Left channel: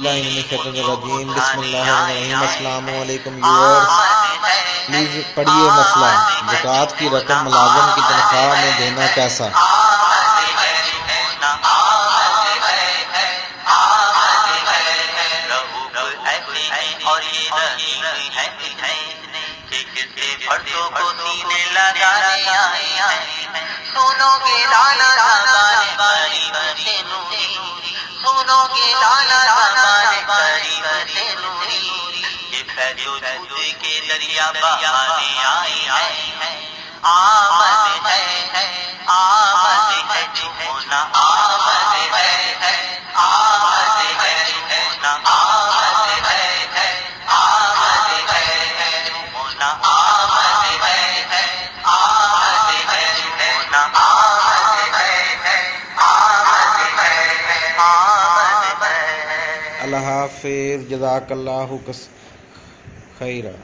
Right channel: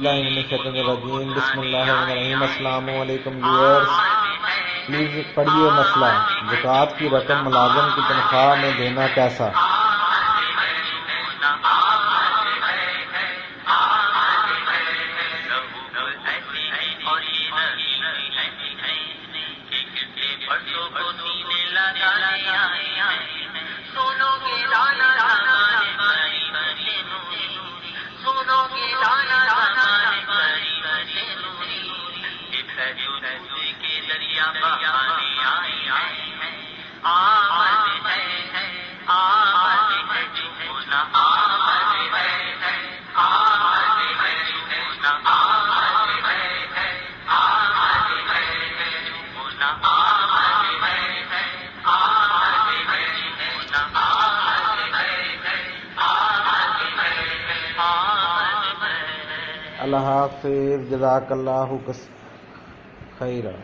الرجیم بسم اللہ الرحمن الرحیم۔ السلام علیکم ویورز، پلیز پڑھیے مسئلہ زکوٰۃ کی رقم ملازم کی تنخواہ میں دینا کیسا؟ اللہ حافظ، جزاک اللہ خیرہ۔